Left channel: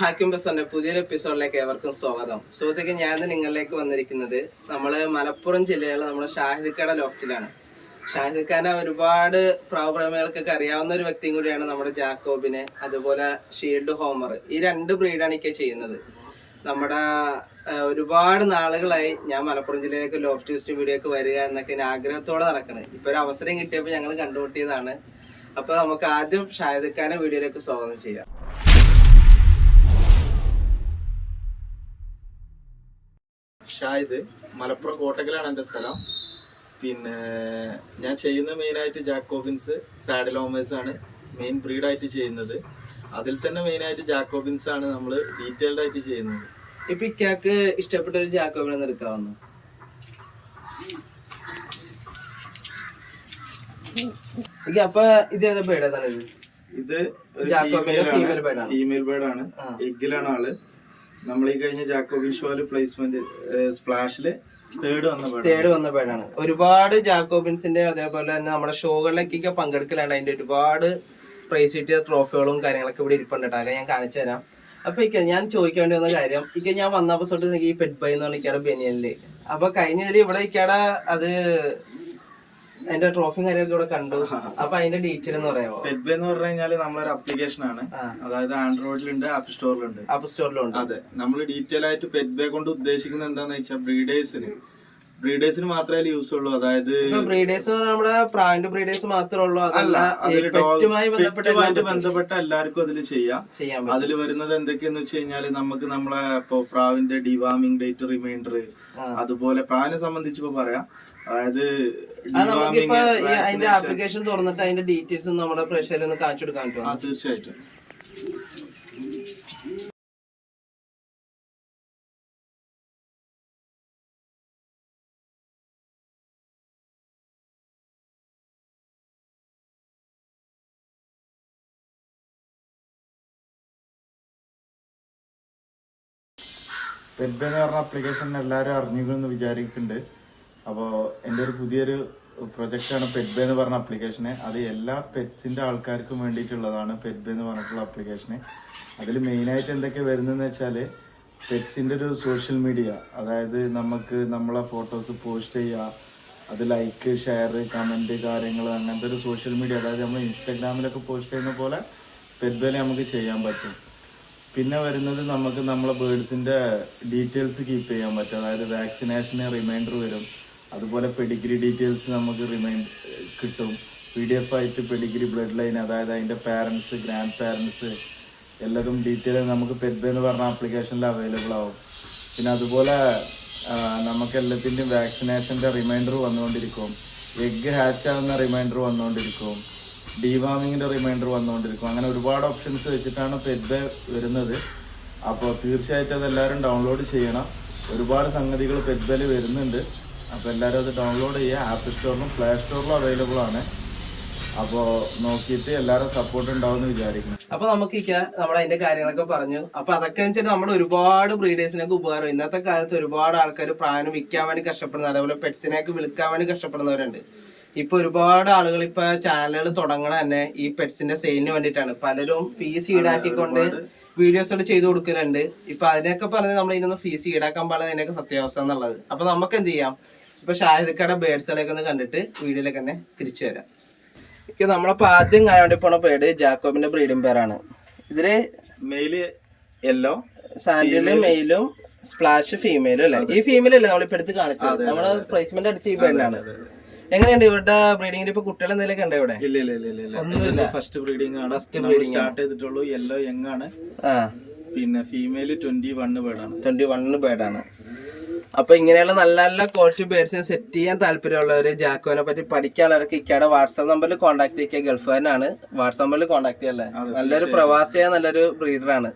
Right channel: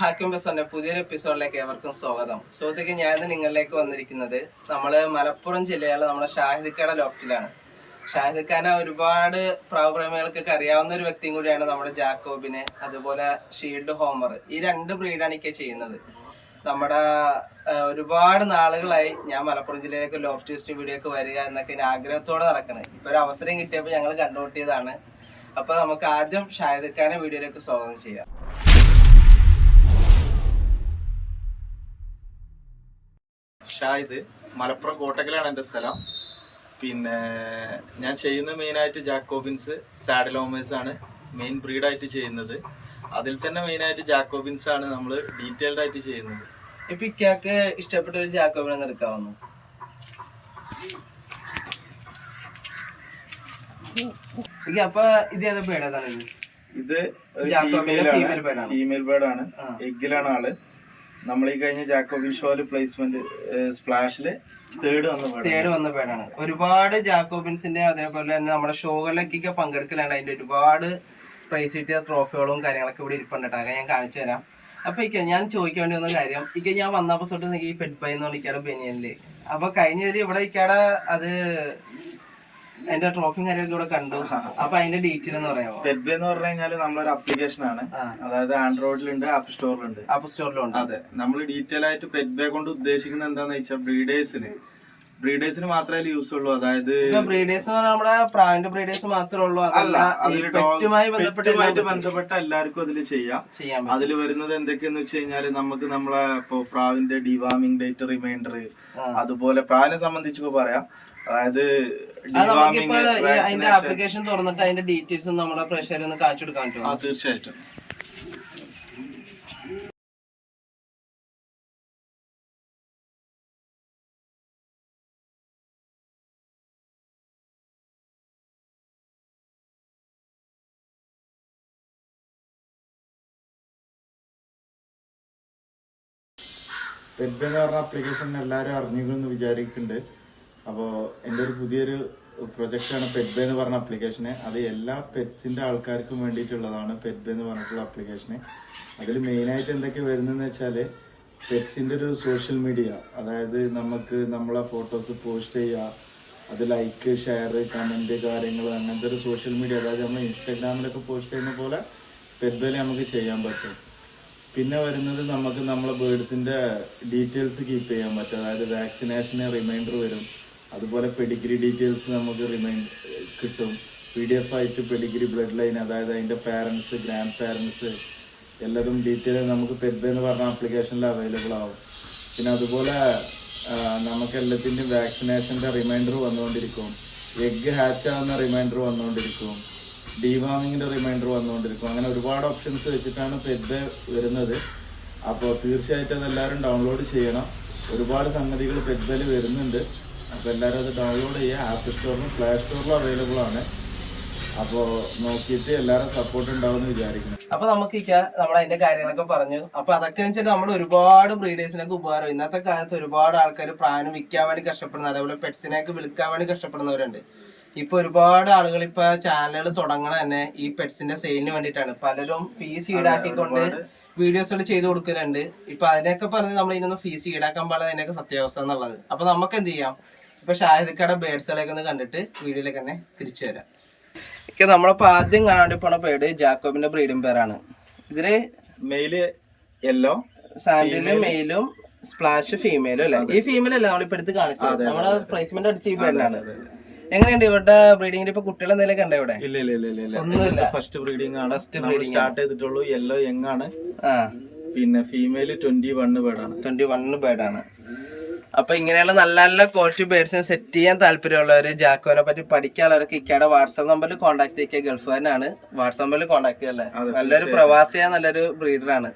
ഹാക്കിം ബസന്റെ പുതിയൊരു എപ്പിസോഡിലേക്ക് ഏവർക്കും സ്വാഗതം. സുഹൃത്തുക്കൾ ഞാൻ നിങ്ങളിലേക്ക് വന്നിരിക്കുന്നത് നമ്മൾ മലപ്പുറം ജില്ലയിലെ നമ്മുടെ ഷാഹിദ്ഖാന ലോഫ്റ്റിലാണ്. ഷാഹിദ്ഖാന ഒരുപാട് പ്രാവപ്രേമികൾക്കൊക്കെ അറിയാവുന്ന ഒരു വ്യക്തിയും കൂടിയാണ് നമ്മുടെ ജാക്കോബിനെ അതുപോലെ ഷീൽഡ് ഹോമർ. ഈ രണ്ട് ബ്രീഡാണ് ഒക്കെ ചെയ്യുന്നത്. നമ്മുടെ ഒരുപാട് നാളുകളായി ഞാൻ മലപ്പുറം ജില്ലയിലേക്ക് ലോഫ്റ്റ് ടെസ്റ്റ് വീഡിയോക്ക് വരിക എന്നൊക്കെ ഞാൻ ആഗ്രഹത്തോടെ നടക്കുന്നത് ഇപ്പൊ ഒരു അവസരം കിട്ടിയപ്പോൾ ഞങ്ങൾ കണ്ടുമുട്ടിയതാണ്. അപ്പൊ നമുക്ക് ആദ്യം ഷാഹിദ്ഖാനെ വീഡിയോയിലേക്ക് സ്വാഗതം ചെയ്യാം. ഷാഹിദ് മലപ്പുറം കോട്ടക്കലാണ് എന്റെ സ്ഥലം. പിന്നെ ഞാൻ ചെയ്യുന്ന മെയിനായിട്ട് ജാക്കോബിൻസ് സാഡലോമേഴ്സ് ആണ് മെയിൻ ബ്രീഡായിട്ട് ചെയ്യുന്നത്. അതിൽ തന്നെ മെയിനായിട്ട് ജാക്കോബിൻസ് ആണ് നമ്മൾ ഡീറ്റെയിൽഡ് ആയിട്ട് ചെയ്യുന്നത്. ഇപ്പൊ ഇക്കാക്ക് ഇഷ്ടപ്പെട്ട ഒരു ജാക്കോബിനെ എടുക്കാവുന്ന അപ്പൊ ഇത് ഏതാ പേട് ഇത്? ഇത് ഒരു ഫീമെയിൽ ബേഡാണ്. ഫീമെയിൽ ബേർഡ് എഗ്ഗിലാണ് ആൾ. നമ്മൾ ഈ കഴിഞ്ഞ ജാക്കോബിൻ ഷോൽ പ്ലേസ്മെന്റ് സ്പ്ലാഷിൽ തേർഡ് വന്ന തേർഡ് വന്ന പേടാണ് ഒരുപാട് ജാക്കോബിൻസിന്റെ അതേപോലെ തന്നെ നമ്മുടെ ഷോകളിലേക്കൊക്കെ പങ്കെടുക്കലാണ് അതിന്റെ ഒരുപാട് പ്രൈസ് കിട്ടിയ ട്രോഫികളും കാര്യങ്ങളൊക്കെ ഇവിടെ ഇരിപ്പുണ്ട് കേട്ടോ. ഞാൻ കാണിച്ചു തരാം. അപ്പൊ ഇക്ക ഞാൻ ചോദിക്കാൻ വേണ്ടി വന്ന കാര്യം ഇക്ക ഞാൻ വന്നപ്പോ തൊട്ട് ഈ പെറ്റ് ബൈ എന്ന് പറഞ്ഞിക്കാണ് ബനിയനിൽ അപ്പൊ കഴിഞ്ഞ ഇവിടെ ഇക്കാടെ അത് അതിന്റെ ട്രോഫിയും കാര്യമൊക്കെ ഇവിടെ കണ്ടു. അപ്പൊ അതിന്റെ ഡീറ്റെയിൽ എന്ന് പറയാമോ പെറ്റ്ബേ എന്ന് പറഞ്ഞു കഴിഞ്ഞാൽ നമ്മളൊരു അപ്ലിക്കേഷൻ ആണ്. അതായത് ആൻഡ്രോയിഡിലുണ്ട് ആപ്പ് സ്റ്റോറിലുണ്ട് ആപ്പ് സ്റ്റോറിലുണ്ട് അതെ. നമ്മൾ ഡീറ്റെയിൽ ആയിട്ട് പെറ്റ് ബേ കൊണ്ട് ഉദ്ദേശിക്കുന്നത് എന്താന്ന് വെച്ചാൽ ബ്രീഡേഴ്സിന് ബ്രീഡേഴ്സിന് മാത്രമേ യൂസ് ഉള്ളൂ. അതായത് ബ്രീഡേഴ്സ് നമ്മുടെ ബ്രീഡേഴ്സ് മാത്രമേ ഉള്ളൂ. അല്ല പെറ്റുമായി ബന്ധപ്പെട്ട എല്ലാവർക്കും അതിൽ ചെയ്യാം. പറ്റും. അതിൽ വരുന്നത് എന്തൊക്കെയെന്ന് വെച്ച് കഴിഞ്ഞാൽ നമുക്ക് നമ്മളെ ഇപ്പോ പ്രാവിന്റെ ഡിവാമിംഗ് ഡേറ്റ് റിമൈൻഡർ അതുപോലെ പ്രാവിനെ സംബന്ധിച്ച് ഇപ്പൊ പറയാം. അതായത് ഡിവാമിംഗ് അതിന്റെ ആപ്ലിക്കേഷൻ തുറന്നിട്ട് അതിന്റെ ഡീറ്റെയിൽസ് നമ്മുടെ പ്രഷറിൽ ഒന്ന് കാണിച്ചു കൊടുക്കാൻ ആ തീർച്ചയായിട്ടും. പെറ്റ് എന്ന് പറഞ്ഞ ആപ്ലിക്കേഷൻ എല്ലാവരും അറിഞ്ഞിരിക്കുന്നു വിചാരിക്കുന്നുണ്ട്. അപ്പോൾ എന്റെ ഒരു പുതിയൊരു പ്രൊജക്റ്റാണ് പെറ്റ് എന്ന് പറഞ്ഞ ആപ്ലിക്കേഷന് അത് എല്ലാ പെറ്റ്സിന്റെ ആൾക്കാർക്കും വേണ്ടിയിട്ടുള്ളതാണ് പെറ്റ് എന്ന് പറഞ്ഞിട്ടുള്ള ആപ്ലിക്കേഷന് അതിൽ മെയിനായിട്ട് എന്തൊക്കെ വരുന്നതെന്ന് വെച്ചാൽ പെറ്റ്സിന്റെ ഒരു സോഷ്യൽ മീഡിയ അതായത് നമുക്ക് നമ്മളെ ഫോട്ടോസ് പോസ്റ്റ് ചെയ്യുക അത് ലൈക്ക് ഷെയർ കമന്റ് കാര്യങ്ങൾ അങ്ങനത്തെ ഒരു സോഷ്യൽ മീഡിയ അതായത് നമ്മൾ ഇൻസ്റ്റാഗ്രാമിലൊക്കെ പോസ്റ്റ് ചെയ്യുന്ന പോലെ പെറ്റ് നമുക്ക് ചെയ്യാൻ പറ്റും. പിന്നെ വരുന്നത് നമുക്ക് നമ്മളെ ബേഡ്സിന്റെ ഡീറ്റെയിൽസ് കീപ്പ് ചെയ്യാൻ പറ്റും. അതായത് വാക്സിനേഷന് റിമൈൻഡർ വരും. അതുപോലെ പെഡിഗ്രി ഡീറ്റെയിൽസ് നമുക്ക് റിമൈൻഡ് കിട്ടും. പി ഡി എഫ് ആയിട്ട് പെഡിഗ്രി ബ്ലഡ് ലൈൻ അതായത് അതിന്റെ പാരൻസ് ഗ്രാൻഡ് പാരൻസ് എല്ലാതും ഡീറ്റെയിൽ നമുക്ക് പെറ്റ് എന്ന് പറഞ്ഞ ആപ്ലിക്കേഷനിൽ അവൈലബിൾ ആവും. പിന്നെ അതുപോലെ നമുക്ക് എല്ലാത്തിന്റെയും വാക്സിനേഷന്റെ റിമൈൻഡർ വന്നുകൊണ്ടിരിക്കും. എഗ് ഹാച്ച് ആകുന്ന റിമൈൻഡർ വന്നുകൊണ്ടിരിക്കും. ഡിവാമിങ്ങിന്റെ റിമൈൻഡർ വന്നുകൊണ്ടിരിക്കും. അങ്ങനെ ഒരുപാട് ഓപ്ഷൻസ് വെച്ചിട്ടാണ് പെറ്റ് വരുന്നത്. അപ്പോൾ തീർച്ചയായിട്ടും അത് എല്ലാവരും ഡൗൺലോഡ് ചെയ്യണം. ഒരുപാട് സംഗതികൾ പെറ്റ്ബേൽ വരുന്നുണ്ട്. അപ്പോൾ എല്ലാവരും അത് ഡൗൺലോഡ് ചെയ്യുക. ആപ്പ് സ്റ്റോറിലും പ്ലേ സ്റ്റോറിലും അവൈലബിൾ ആണ്. അപ്പോൾ നോക്കിയിട്ട് എല്ലാവരും സപ്പോർട്ട് ഉണ്ടാവും വിചാരിക്കുന്നു. അപ്പൊ നമുക്ക് നമ്മൾ അതിന്റെ കാര്യങ്ങളൊക്കെ പറഞ്ഞു. അപ്പൊ അതൊക്കെ വെച്ചാൽ നമ്മുടെ ഒരുപാട് ബ്രീഡേഴ്സിനൊക്കെ ഉപകാരം. ഇന്നത്തെ കാലത്ത് ഒരുപാട് ആൾക്കാർ പ്രായം വിൽക്കാൻ വേണ്ടി കഷ്ടപ്പെടുന്ന അതേപോലെ പെറ്റ്സിനെയൊക്കെ വിൽക്കാൻ വേണ്ടി കഷ്ടപ്പെടുന്നവരുണ്ട്. ഇപ്പൊ ഒരുപാട് ആളുകൾ ഇപ്പൊ ചാനലുകൾ തുടങ്ങണ തന്നെ ഈ പെറ്റ്സിന്റെ സെയിലിന് വേണ്ടിയിട്ടാണ്. പലരും ഫീസ് ഈടാക്കിക്കൊണ്ട് വീഡിയോസുകൾ ചെയ്തു കൊടുക്കുന്നുണ്ട് ഇപ്പൊ അതിനൊക്കെ പറഞ്ഞ് നമ്മൾ ഇതിനൊന്നും ഫീസ് ഈടാക്കാൻ പാടില്ല അതിനൊക്കെ സത്യാവസ്ഥ എന്നുള്ളത്. അപ്പൊ നമുക്ക് എന്ത് ചെയ്യാം? ഇപ്പൊ ഷാഹിദിക്കയുടെ ബേഡ്സുകളൊക്കെ ഒന്ന് കണ്ടിട്ട് വീഡിയോയിലേക്ക് തന്നെ തിരിച്ചു വരാം. ഇപ്പൊ നമ്മളിപ്പോ ആദ്യം കാണാൻ വേണ്ടി പോണ പേര് ജാക്കോബിന്റെ ബ്രീഡിംഗ് പേരാണ് ഇതിൽ മെയിൽ യെല്ലോ സാൻഡിലും മെയിലും സ്പ്ലാഷ് ഫീമെയിലും അല്ലേ? ഈ ഫീമെയിൽ അല്ലേ നമ്മളിപ്പോ എടുത്ത് കാണിച്ചത്? നമ്മൾ പ്ലേസ്മെന്റ് അടിച്ച ഈ പേരിലാണ് എങ്ങനെയുണ്ട് ഇവിടെ ബ്രീഡിംഗ് ഇപ്പൊ കുട്ടികൾ എന്തെങ്കിലും ഉണ്ടോ ഇവിടെ? ഇല്ല ഇല്ല ഇല്ല ഇല്ല ഒന്നുമില്ല. ഫസ്റ്റ് ബ്രീഡിംഗ് ആണ്. ഫസ്റ്റ് ബ്രീഡിംഗ് സ്റ്റാർട്ട് ചെയ്തിട്ടുള്ളൂ. യെല്ലോ യങ് ആണ്. പിന്നെ ഫീമെയിൽ ട്വന്റി വണ് ബേഡാണ് ട്വന്റി വണ് ബേഡാണ് അപ്പൊ ഇങ്ങനെയുള്ള നല്ല നല്ല ക്വാളിറ്റി ബേഡ്സിനെ സെറ്റ് ചെയ്യാൻ താല്പര്യമുള്ളവര് ജാക്കോനെ പറ്റി പഠിക്കാനുള്ളവർക്ക് ഇക്കയുടെ വാട്സാപ്പ് നമ്പറിൽ കോൺടാക്ട് ചെയ്യുക. ഗൾഫുകാരനാണ്. വാട്സാപ്പ് നമ്പറിൽ കോൺടാക്ട് ചെയ്യല്ലേ നല്ലൊരു പ്രവാസിയായ നല്ലൊരു ബ്രീഡറാണ്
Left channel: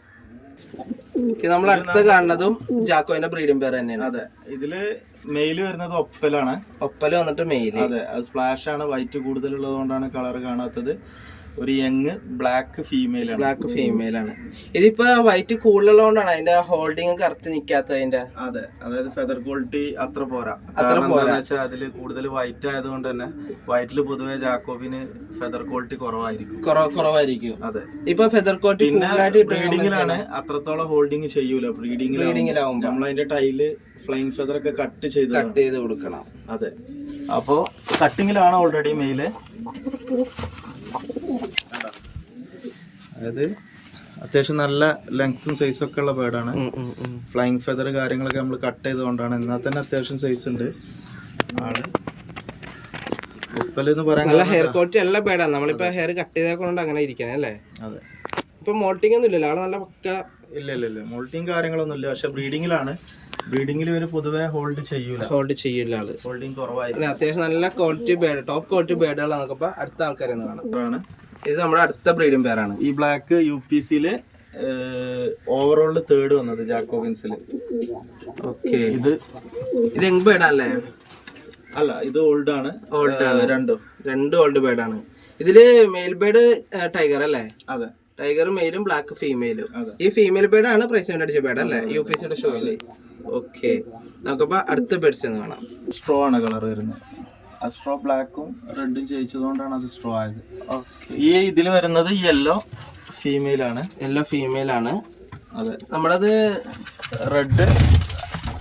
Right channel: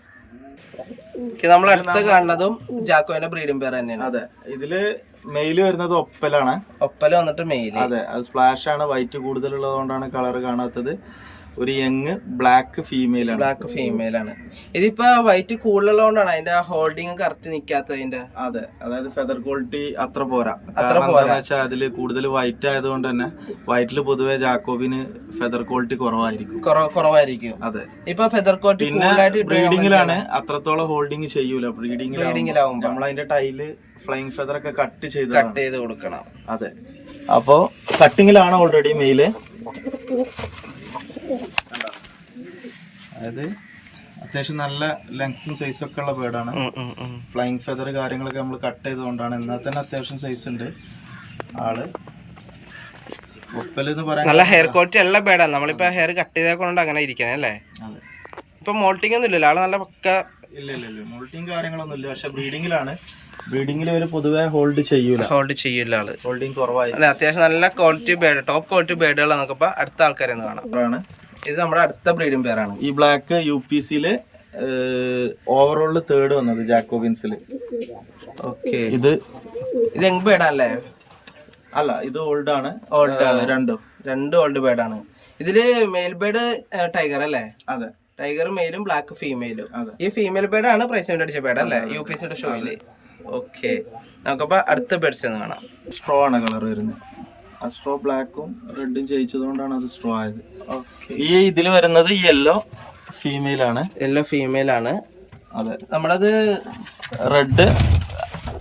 നമ്മൾ അടുത്ത് കാണുന്നതും ജാക്കോന്റെ ബ്രീഡിംഗ് പേര് തന്നെയാണ്. അതെ. ഇതിൽ മെയിൽ വരുന്നത് ഒപ്പലാണ്. ഒപ്പല വന്നിട്ട് മെയിൽ അതെ അത് സ്പ്ലാഷ് ആണ് വൈറ്റ് കൂടുതലുള്ളതുകൊണ്ടാണ് കളർ കാണാത്തത്. ഒരു യങ് ബ്ലാക്ക് ഫീമെയിൽ ആണ്. ബ്ലാക്ക് ഫീമെയിൽ ആണ്. ഇതിപ്പോ വൈറ്റ് കൂടുതലുള്ളതുകൊണ്ടാണ് അതിന്റെ ഹോൾഡിങ് കറക്റ്റ് നിക്കാത്തത് അതിന്റെ. അതെ അതായത് ഫെദർ ക്വാളിറ്റി അത്ര പോരാ. അത്ര പോരാ. വെച്ചാൽ അതിൽ കൂടുതൽ വൈറ്റ് ആയതുകൊണ്ട് തന്നെ വൈറ്റിൽ പൊതുവെ ജാക്കോബിന് ഫെദർ ക്വാളിറ്റി കുറവായിരിക്കും. കുറ- കുറവായിരിക്കും. അതെ. ഇപ്പൊ ഫെദർ ക്വാളിറ്റി കൂടുതലായിട്ട് ബ്രീഡിങ്ങിലാണ് അത്രത്തോളം ഹോൾഡിങ് ചെയ്യൂല. ബ്രീഡിങ്ങിലാവുമ്പോ നമ്മൾ അതിന്റെ ടൈൽ ഫ്ലൈങ് ഫെദർ ഒക്കെ കട്ട് ചെയ്ത് കട്ട് ചെയ്ത് കൊടുക്കണം. അതെ. അപ്പോ കട്ടിങ്ങിലാണ് ഓൾറെഡി മെയിൽ അതായത് അത്യാവശ്യം നല്ല ലെങ്ത്തും സൈസും ഒക്കെ ഉള്ള ബേർഡാണ്. ഫ്ലൈങ് ഫെദർ കാര്യങ്ങളൊക്കെ നമ്മൾ കട്ട് ചെയ്തുകൊണ്ടാണ്. എന്നാൽ തന്നെ അത്യാവശ്യം സൈസ് ഉണ്ട്. ആൾ നല്ല ഹെയർ ക്വാളിറ്റി ഉള്ള ബേഡാണ് നമ്മളിപ്പോ ഹെയർ കട്ട് ചെയ്തേക്കൊണ്ട് അങ്ങനെ ഇരിക്കണേ അല്ലേ? അതെ. ഇപ്പൊ മോൾട്ടിംഗ് ഒന്നും ഇല്ലല്ലോ ആൾ നല്ല പക്ക ഇല്ല ഇല്ല ഇല്ല. മോൾട്ടിങ് കാര്യങ്ങളൊന്നും ഇല്ല പക്ഷെ ബ്രീഡിങ്ങിലാണ് ഒരു പൊതുവെ ഹോൾഡ് ചെയ്യൂല. ഹോൾഡ് ആൾ. ഹോൾഡിംഗ് അല്ല അത്യാവശ്യം നല്ല ക്വാളിറ്റി ബേഡ് ടോപ്പ് ക്വാളിറ്റി ബേഡുകളാണ് നമുക്കിപ്പോ അടുത്ത ആൾക്കാരെ കാണാം. ഇത് നമ്മുടെ അടുത്ത ബ്രീഡിംഗ് പേരാണ് ഈ ബ്ലാക്ക് യു പി സിയിൽ ഓവറോൾ തേർഡ് വന്നത് ജാക്കോബിൻസിൽ ഓക്കെ ഇത് ഇത് യങ് ബേഡാണല്ലേ അല്ല ഇത് ഓൾഡ് ആണ്. ഓൾഡ് ആണ്. രണ്ടും. രണ്ട് ഓൾഡ് ബേഡാണ് ഇതിൽ മെയിൽ ബേഡ് ടൈഗർ അല്ലേ? അതെ. ടൈഗർ മെയിലും ബ്ലാക്ക് ഫീമെയിലും ഈ ഫീമെയിൽ ബേഡാണ് പ്രൈസ് അടിച്ച ബേഡ് അല്ലേ? യു പി സിയുടെ ഷോയിൽ ഓക്കെ. നമുക്കപ്പോ അടുത്ത ബെഡ്സ് എന്ന് കാണാം. സ്ട്രോ ആണ് കളർ വരുന്നത്. ആ സ്ട്രോ ബ്ലാക്കും റെഡും ജയിച്ചതുകൊണ്ടാണ് അത് സ്ട്രോ ആയത്. ഈ ഇതിൽ വരുന്നത് യെല്ലോ ഫീമെയിൽ ആണ്. യെല്ലോ ഫീമെയിൽ ആണ്. അതെ. നമ്മളത് റെഡ്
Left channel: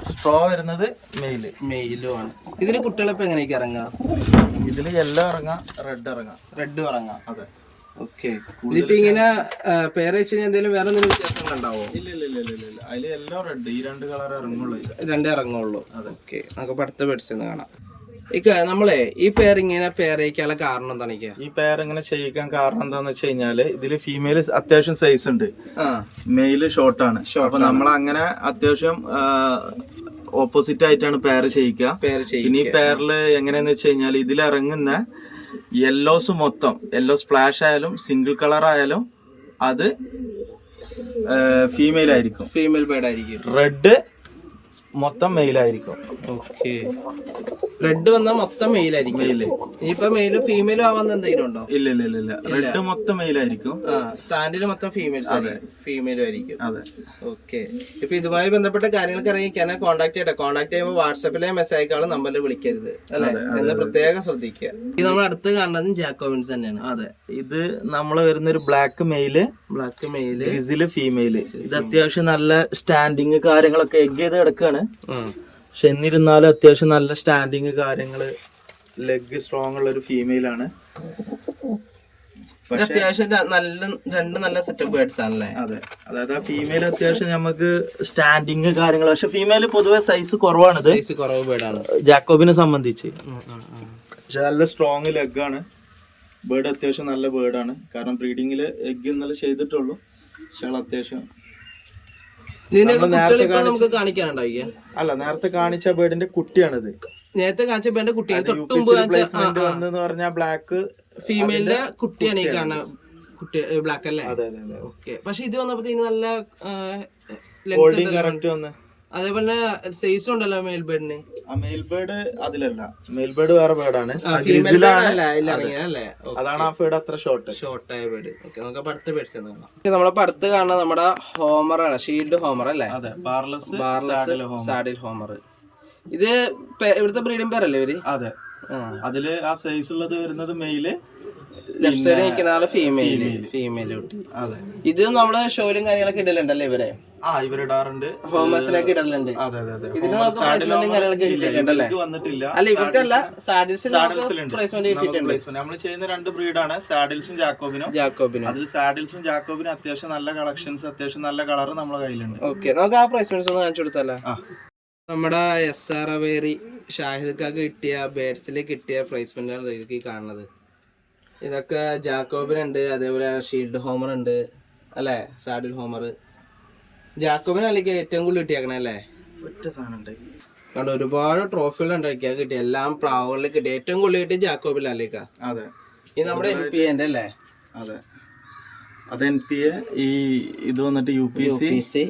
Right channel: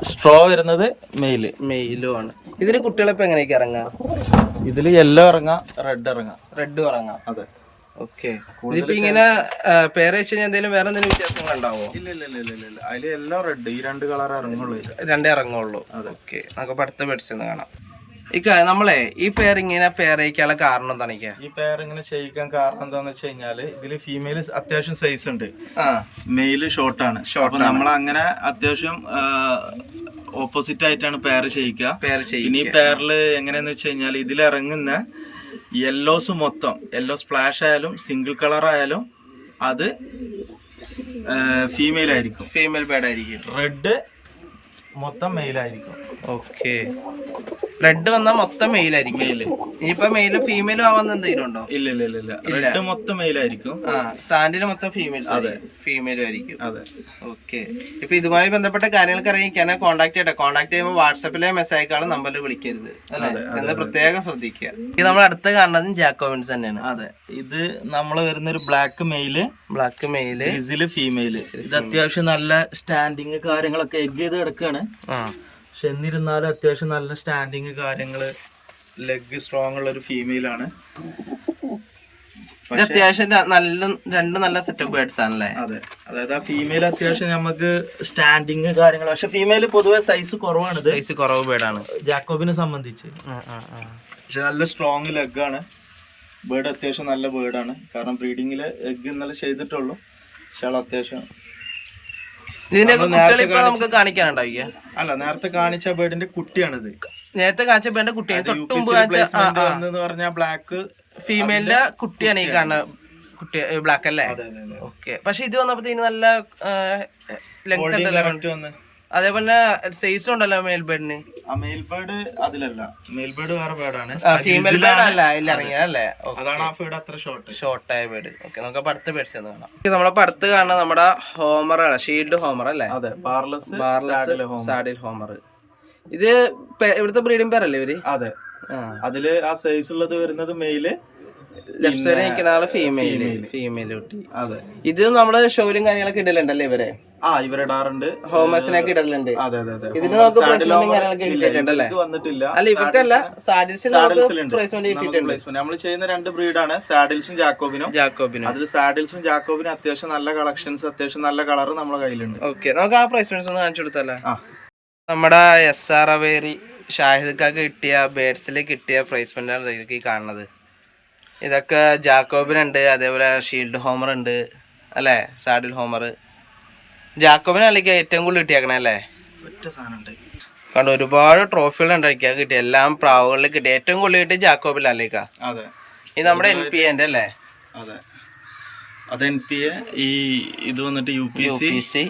സ്ട്രോ വരുന്നത് മെയിൽ മെയിലും ആണ്. ഇതിന് കുട്ടികളെപ്പോ എങ്ങനെയൊക്കെ ഇറങ്ങാം? ഇതിൽ യെല്ലോ ഇറങ്ങാം റെഡ് ഇറങ്ങാം. റെഡ് ഇറങ്ങാം. അതെ. ഓക്കെ. ഇതിപ്പോ ഇങ്ങനെ പേര് വെച്ച് കഴിഞ്ഞാൽ എന്തെങ്കിലും വേറെ എന്തെങ്കിലും വ്യത്യാസങ്ങൾ ഉണ്ടാവോ? ഇല്ല ഇല്ല ഇല്ല ഇല്ല ഇല്ല. അതിൽ എല്ലാം റെഡ് ഈ രണ്ട് കളർ ഇറങ്ങുള്ളൂ രണ്ടേ ഇറങ്ങുള്ളൂ. ഓക്കെ. നമുക്ക് അടുത്ത ബെഡ്സ് കാണാം. ഇക്ക നമ്മളെ ഈ പേരിങ്ങനെ ഇങ്ങനെ പേർ കാരണം എന്താണ് ഈ പെയർ ഇങ്ങനെ ചെയ്യിക്കാൻ കാരണം എന്താന്ന് വെച്ച് കഴിഞ്ഞാൽ ഇതിൽ ഫീമെയിൽ അത്യാവശ്യം സൈസ് ഉണ്ട്. മെയിൽ ഷോർട്ടാണ് അപ്പൊ നമ്മൾ അങ്ങനെ അത്യാവശ്യം ഓപ്പോസിറ്റ് ആയിട്ടാണ് പേര് ചെയ്യിക്കുക. ഇനി പേരിൽ എങ്ങനെയാന്ന് വെച്ച് കഴിഞ്ഞാൽ ഇതിൽ ഇറങ്ങുന്ന യെല്ലോസ് മൊത്തം. യെല്ലോ സ്പ്ലാഷ് ആയാലും സിംഗിൾ കളർ ആയാലും അത് ഫീമെയിൽ ആയിരിക്കും. ഫീമെയിൽ ബേഡ് ആയിരിക്കും. റെഡ് മൊത്തം മെയിൽ ആയിരിക്കും. ഓക്കെ റെഡ് വന്നാൽ മൊത്തം മെയിൽ ആയിരിക്കും. ഇനിയിപ്പോ മെയിലും ഫീമെയിലും ആവാന്ന് എന്തെങ്കിലും ഉണ്ടോ? ഇല്ല ഇല്ല ഇല്ല റെഡ് മൊത്തം മെയിൽ ആയിരിക്കും. ആ സാൻഡിൽ മൊത്തം ഫീമെയിൽസ് അതെ. ഫീമെയിലും ആയിരിക്കും. അതെ. ഓക്കെ ഇപ്പൊ ഇതുമായി ബന്ധപ്പെട്ട കാര്യങ്ങൾക്ക് അറിയിക്കാൻ കോൺടാക്ട് ചെയ്യട്ടെ. കോൺടാക്ട് ചെയ്യുമ്പോൾ വാട്സാപ്പിലെ മെസ്സേജ് അയക്കാളും നമ്പറിൽ വിളിക്കരുത്. അല്ലെ? എന്ന് പ്രത്യേകം ശ്രദ്ധിക്കുക. ഇത് നമ്മൾ അടുത്ത് കാണുന്നതും ജാക്കോവിൻസ് തന്നെയാണ്. അതെ. ഇത് നമ്മൾ വരുന്ന ഒരു ബ്ലാക്ക് മെയിൽ ബ്ലാക്ക് മെയിൽ ഇതിൽ ഫീമെയിൽ ഇത് അത്യാവശ്യം നല്ല സ്റ്റാൻഡിങ് കാര്യങ്ങളൊക്കെ എഗ് ചെയ്ത് കിടക്കാണ്. ആ. പക്ഷെ എന്നിരുന്നാലും അത്യാവശ്യം നല്ല സ്റ്റാൻഡിങ് കാര്യങ്ങൾ ലെഗ് സ്ട്രോങ് ഉള്ള ഒരു ഫീമെയിൽ ആണ്. ഇത് അത്യാവശ്യം നല്ല രണ്ട് നല്ല സെറ്റപ്പ് ബേഡ്സ് ആണല്ലേ? അതെ. അതായത് ആ ഫീമെയിൽ അത്യാവശ്യം നമുക്ക് സ്റ്റാൻഡിങ് കാര്യങ്ങൾ പക്ഷെ ഫീമെയിൽ പൊതുവെ സൈസ് കുറവാണ് സൈസ് കുറവ് ബേഡാണ് ജാക്കോബിനെ സംബന്ധിച്ച്. പക്ഷെ നല്ല സ്ട്രോങ് ലെഗാണ് ബേഡ് അത്യാവശ്യം നല്ല ബേഡാണ് കാരണം ബ്രീഡിങ്ങിൽ എഗ് ഇന്നലെ ചെയ്തിട്ടുള്ളൂ. പക്ഷെ അത്യാവശ്യം ഇതിന്റെ കുട്ടികൾ ഇപ്പൊ നമുക്ക് കാണിക്കാനുണ്ടാവില്ല അല്ല നേരത്തെ കാണിച്ച ബേർഡിന്റെ കുട്ടിയാണിത്. നേരത്തെ കാണിച്ച ബേഡിന്റെ കുട്ടിയാണ് തൊട്ട് മുമ്പ് കാണിച്ച ബ്ലാക്ക് ഫീമെയിലിന്റെ കുട്ടിയാണ് ഈ കാണുന്ന കുട്ടി ബ്ലാക്ക് അല്ലേ? ഓക്കെ പക്ഷെ ഇത് വന്നപ്പോഴത്തേന് നല്ല ലെങ്ത് ഉണ്ടല്ലോ. അതേപോലെ സൈസ് ഉണ്ടല്ലോ മെയിൽ ബേഡിന് ആ മെയിൽ ബേർഡ് അതിലല്ല. മെയിൽ ബേർഡ് വേറെ ബേർഡാണ്. ഫീമെയിൽ ബേഡ് അല്ല ഇറങ്ങിയതല്ലേ അതാണ് ആ ബേർഡ് അത്ര ഷോർട്ട് ഷോർട്ടായ ബേഡ് ഓക്കെ നമുക്ക് അപ്പൊ അടുത്ത ബേഡ്സ് എന്ന് കാണാം. നമ്മളെ അടുത്ത് കാണുന്ന നമ്മുടെ ഹോമർ ആണ് ഷീൽഡ് ഹോമർ അല്ലേ? അതെ ബാർലെസ് ബാർലെസ് സാഡിൽ ഹോമർ ഇത് ഇവിടുത്തെ ബ്രീഡിംഗ് പേരല്ലേ ഇവർ? അതെ. അതിൽ ആ സൈസ് ഉള്ളത് വരുന്നത് മെയിൽ ലെഫ്റ്റ് സൈഡ് നിൽക്കുന്ന ആൾ ഫീമെയിൽ ഫീമെയിൽ കുട്ടി. അതെ. ഇത് നമ്മൾ ഷോയിലും കാര്യങ്ങളൊക്കെ ഇടലുണ്ടല്ലേ ഇവരെ? ആ ഇവരിടാറുണ്ട് ഹോമേഴ്സിനൊക്കെ ഇടലുണ്ട്. അതെ അതെ അതെ. ഇതിന് നമുക്ക് പ്ലേസ്മെന്റും കാര്യങ്ങളൊക്കെ കിട്ടിയിട്ടുണ്ടല്ലേ? വന്നിട്ടില്ല. അല്ല ഇവർക്കല്ല. സാഡിൽസിൽ. പ്ലേസ്മെന്റ് കിട്ടിയിട്ടുണ്ട്. നമ്മൾ ചെയ്യുന്ന രണ്ട് ബ്രീഡാണ്. സാഡിൽസും ജാക്കോബിനും. ജാക്കോബിനും. അതിൽ സാഡിൽസും ജാക്കോബിനും അത്യാവശ്യം നല്ല കളക്ഷൻസ് അത്യാവശ്യം നല്ല കളർ നമ്മുടെ കയ്യിലുണ്ട്. ഓക്കെ നമുക്ക് ആ പ്ലേസ്മെന്റ്സ് ഒന്ന് കാണിച്ചു കൊടുത്തല്ലേ നമ്മുടെ എസ് ആർ അവേരി ഷാഹിദ് കിട്ടിയ ബേഡ്സിൽ കിട്ടിയ പ്ലേസ്മെന്റ് ആണ് ഇതൊക്കെ കാണുന്നത്. ഇതൊക്കെ ജാക്കോബിനുണ്ട് അതേപോലെ ഷീൽഡ് ഹോമർ ഉണ്ട് അല്ലേ? സാഡിൽ ഹോമർ ജാക്കോബിനല്ലേക്ക് ഏറ്റവും കൂടുതൽ കിട്ടിയേക്കണേ അല്ലേ? ഒറ്റ സാധനം ഉണ്ട് കണ്ട് ഒരുപാട് ട്രോഫികൾ ഉണ്ടാക്കിയാൽ കിട്ടി എല്ലാം പ്രാവുകളിൽ കിട്ടി ഏറ്റവും കൂടുതൽ കിട്ടി ജാക്കോബിലല്ലേക്കാ അതെ. ഇത് നമ്മുടെ എൻ പി എന്റെ അല്ലേ? അതെ. അത് എൻ പി എ ഈ ഇത് വന്നിട്ട് U P U C P C